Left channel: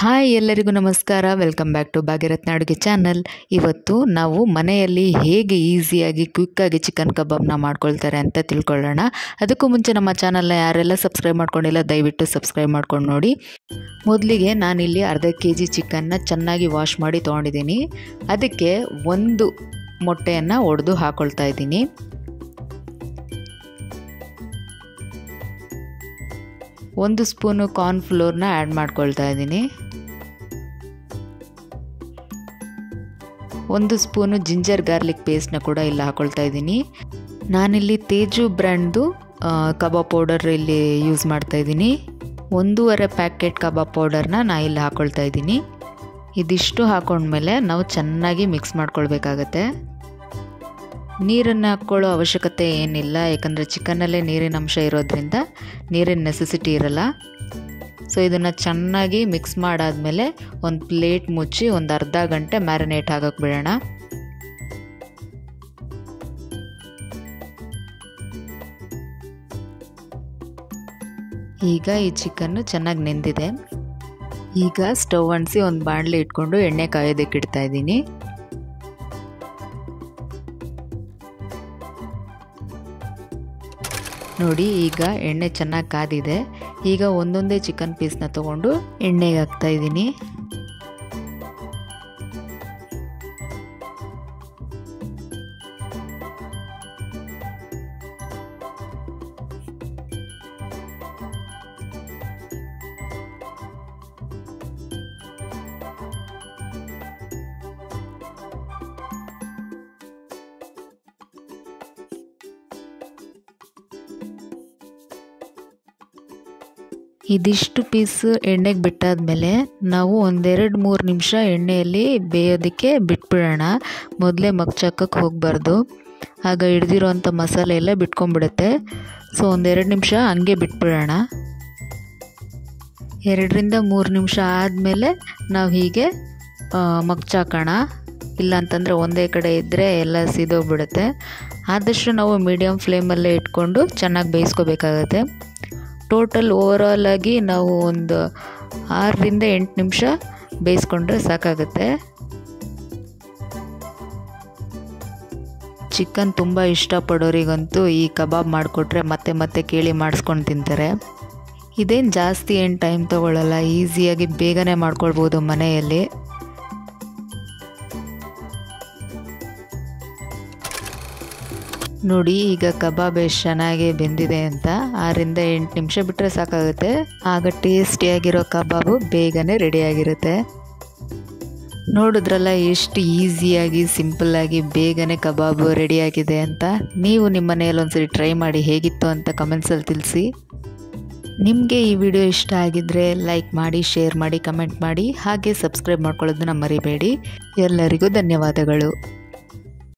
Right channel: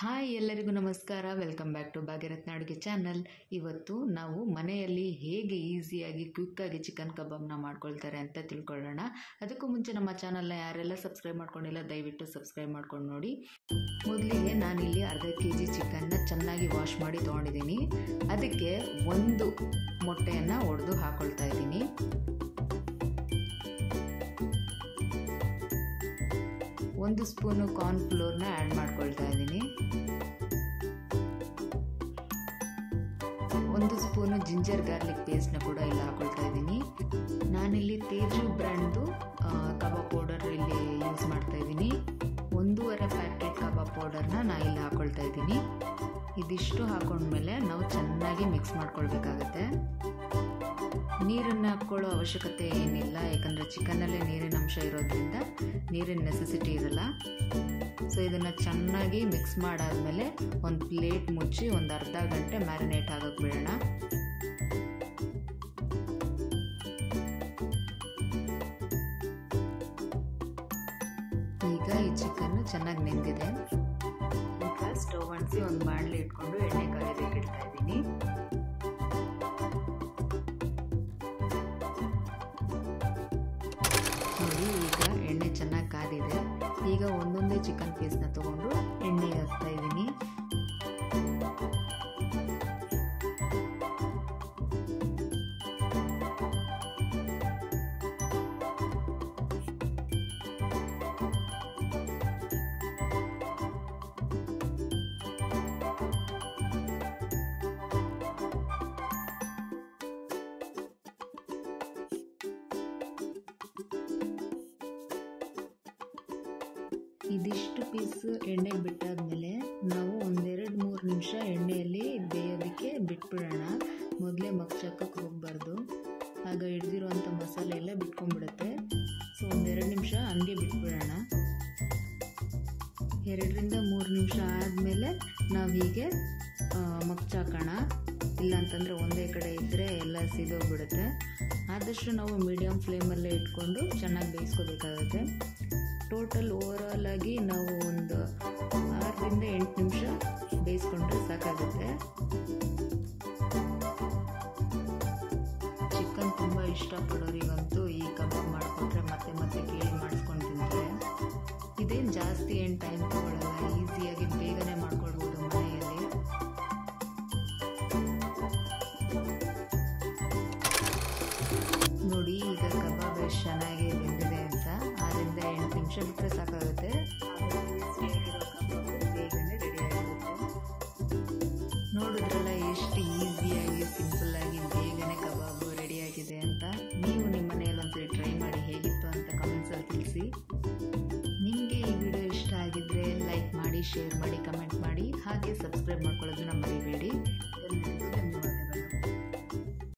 Hi ಎಲ್ಲರಿಗೂ ನಮಸ್ಕಾರ. Welcome back to ಭಾಗ್ಯರತ್ನ ಅಡುಗೆ ಚಾನಲ್. ಇವತ್ತು ನಾವು ಮನೆಯಲ್ಲಿ ಹೇಗೆ ಈಸಿಯಾಗಿ ಕ್ವಿಕ್ಕಾಗಿ ಚಿಕನ್ ಕಬಾಬ್ನ ಮಾಡ್ಕೊಳ್ತಾರೆ ಅಂತ ತಿಳ್ಕೊಳ್ಳೋಣ. ಅದಕ್ಕೂ ಮುಂಚೆ ನಮ್ಮ ಚಾನಲ್ನ ಯಾರೆಲ್ಲ ಸಬ್ಸ್ಕ್ರೈಬ್ ಮಾಡ್ಕೊಂಡಿಲ್ಲ ದಯವಿಟ್ಟು ಸಬ್ಸ್ಕ್ರೈಬ್ ಮಾಡ್ಕೊಂಡು ನೋಡಿ. ಮೊದಲಿಗೆ ನಾನಿಲ್ಲಿ ಅರ್ಧ kg ಚಿಕನ್ನ ಚೆನ್ನಾಗಿ ವಾಶ್ ಮಾಡಿ ತೊಗೊಂಡಿದ್ದೀನಿ. ಅದಕ್ಕೆ ಒಂದು ಮೊಟ್ಟೆಯನ್ನು ಒಡೆದು ಹಾಕ್ಕೊಳ್ತಾ ಇದ್ದೀನಿ. ಒಂದು ಸ್ಪೂನು ಕಾರ್ನ್ಫ್ಲೋರ್ನ ಆ್ಯಡ್ ಮಾಡ್ಕೊಳ್ತಾ ಇದ್ದೀನಿ. ಒಂದು ಸ್ಪೂನು ಜಿಂಜರ್ ಗಾರ್ಲಿಕ್ ಪೇಸ್ಟ್ನ ಕೂಡ ಇಲ್ಲಿ ಹಾಕ್ಕೊಳ್ತಾ ಇದ್ದೀನಿ. ನಾನಿಲ್ಲಿ ತೇಜು ಬ್ರ್ಯಾಂಡ್ದು ಕಬಾಬ್ ಪೌಡರ್ ಇಲ್ಲಿ ಯೂಸ್ ಮಾಡ್ತಾ ಇದ್ದೀನಿ. 1.5 ಪ್ಯಾಕೆಟ್ ಕಬಾಬ್ ಪೌಡರ್ನ ನಾನು ಇಲ್ಲಿ ಹಾಕ್ಕೊಳ್ತಾ ಇದ್ದೀನಿ. ಇದಿಷ್ಟು ಹಾಕೊಂಡ್ಮೇಲೆ ನಾವು ಚೆನ್ನಾಗಿ ಮಿಕ್ಸ್ ಮಾಡ್ಕೊಳ್ಬೇಕಾಗತ್ತೆ. ನೀರನ್ನು ಹಾಕ್ಕೊಳ್ಳೋ ಅವಶ್ಯಕತೆ ಏನಿಲ್ಲ, ಯಾಕಂದರೆ ಚಿಕನ್ನಲ್ಲೇ ನೀರಿನ ಅಂಶ ಇರೋದ್ರಿಂದ ನೀರಿನ ನೆಸೆಸಿಟಿ ಇರಲ್ಲ. ಸೊ ಇದನ್ನು ಚೆನ್ನಾಗಿ ಮಿಕ್ಸ್ ಮಾಡಾದಮೇಲೆ ಒಂದು ಪ್ಲೇಟ್ ಮುಚ್ಚಿ ಒಂದು ಅರ್ಧ ಗಂಟೆ ಮ್ಯಾರಿನೇಟ್ ಆಗೋಕ್ಕೆ ಬಿಡೋಣ. ಈಗ ಈ ಚಿಕನ್ನು ಚೆನ್ನಾಗಿ ನೆಂದಿದೆ. ಈಗ ಸ್ಟವ್ ಅಂಟಿಸಿ ಒಂದು ಬಾಣಲೆ ಇಟ್ಕೊಂಡು ಎಣ್ಣೆ ಕಾಯೋದಕ್ಕೆ ಇಡ್ತಾ ಇದ್ದೀನಿ. ನೋಡಿ, ಈಗ ಎಣ್ಣೆ ಚೆನ್ನಾಗಿ ಕಾದಿದೆ. ಈಗ ಒಂದೊಂದೇ ಚಿಕನ್ ಪೀಸ್ನ ತೊಗೊಂಡು ಎಣ್ಣೆಗೆ ಹಾಕ್ತಾ ಇದ್ದೀನಿ. ಇದಿಷ್ಟು ಪೀಸ್ ಎಣ್ಣೆಗೆ ಬಿಟ್ಟಾದಮೇಲೆ ನಾವು 1-2-3 ನಿಮಿಷ ಎಣ್ಣೆಯಲ್ಲಿ ಬೇಯೋದಕ್ಕೆ ಬಿಟ್ಬಿಡೋಣ. ಮೊದಲೇ ಮಗ್ಚಾಕಕ್ಕೆ ಹೋಗಬಾರ್ದು, ಆಗ ಹಿಡ್ದಿರೋಂಥ ಮಸಾಲೆ ಎಲ್ಲ ಬಿಟ್ಕೊಂಡ್ಬಿಡುತ್ತೆ. ಸೊ 1-2 ನಿಮಿಷ ಹಂಗೆ ಬಿಟ್ಬಿಡೋಣ. 2-3 ನಿಮಿಷ ಆದಮೇಲೆ ನಾವು ಹೀಗೆ ಮಗ್ಚಾಕೋಣ. ಇಲ್ಲಾಂತಂದರೆ ಒಂದೇ ಕಡೆ ಇದ್ದರೆ ಎಲ್ಲ ಸಿದೋಗ್ಬಿಡುತ್ತೆ. ಆದಷ್ಟು ನಾವು ಮೀಡಿಯಮ್ ಫ್ಲೇಮಲ್ಲೇ ಇಟ್ಕೊಂಡು ಚೆನ್ನಾಗಿ ಬೇಯಿಸ್ಕೋಬೇಕಾಗತ್ತೆ. ಟೋಟಲ್ ಓವರಾಲ್ ಆಗಿ ನಾವು ಒಂದು 6-8 ನಿಮಿಷ ಬೇಯಿಸ್ಕೊಂಡ್ರೆ ಸಾಕಾಗುತ್ತೆ. ಚಿಕನ್ ತುಂಬ ಇಷ್ಟಪಡೋರಿಗಂತೂ ಈ ಕಬಾಬ್ ಮಾಡಿಕೊಟ್ರೆ ಮತ್ತೆ ಮತ್ತೆ ಕೇಳಿ ಮಾಡಿಸ್ಕೊಂಡು ತಿಂತಾರೆ. ಇದೇನು ಜಾಸ್ತಿ ಏನು ಟೈಮ್ ತೊಗೊಳ್ಳಲ್ಲ, ಈಸಿಯಾಗಿ ಬೇಗನೆ ಮಾಡ್ಕೊಳ್ಬೋದು ಮನೆಯಲ್ಲಿ. ನೋಡಿ, ಈಗ ಕಬಾಬ್ ಎಷ್ಟು ಚೆನ್ನಾಗಿ ಬೆಂದಿದೆ ಅಂತ. 6-8 ನಿಮಿಷ ಬಿಟ್ಟರೆ ಸಾಕಾಗುತ್ತೆ. ಆಗ ಟೇಸ್ಟಿಯಾಗಿರೋ ಕಬಾಬು ಬೇಗನೆ ರೆಡಿಯಾಗಿರುತ್ತೆ. ನೋಡಿದ್ರಲ್ಲ ಎಷ್ಟು ಈಸಿಯಾಗಿ ಸಿಂಪಲ್ಲಾಗಿ ಬೇಗನೆ ಕಬಾಬು ರೆಡಿಯಾಗಿದೆ ಅಂತ. ನೀವು ನಿಮ್ಮ ಮನೆಯಲ್ಲಿ ಒಂದ್ಸರಿ ಟ್ರೈ ಮಾಡಿ ಹೇಗಿತ್ತು ಅಂತ ಕಮೆಂಟ್ಸಲ್ಲಿ ತಿಳಿಸಿ. ನಿಮಗೆ ಈ ವಿಡಿಯೋ ಇಷ್ಟ ಆಗಿದ್ದರೆ ಲೈಕ್ ಮಾಡಿ, ಶೇರ್ ಮಾಡಿ, ಕಮೆಂಟ್ ಮಾಡಿ, ಹಾಗೆ ಸಬ್ಸ್ಕ್ರೈಬ್ ಮಾಡ್ಕೊಳ್ಳೋದನ್ನ ಮರಿಬೇಡಿ. ಎಲ್ಲರಿಗೂ ಧನ್ಯವಾದಗಳು.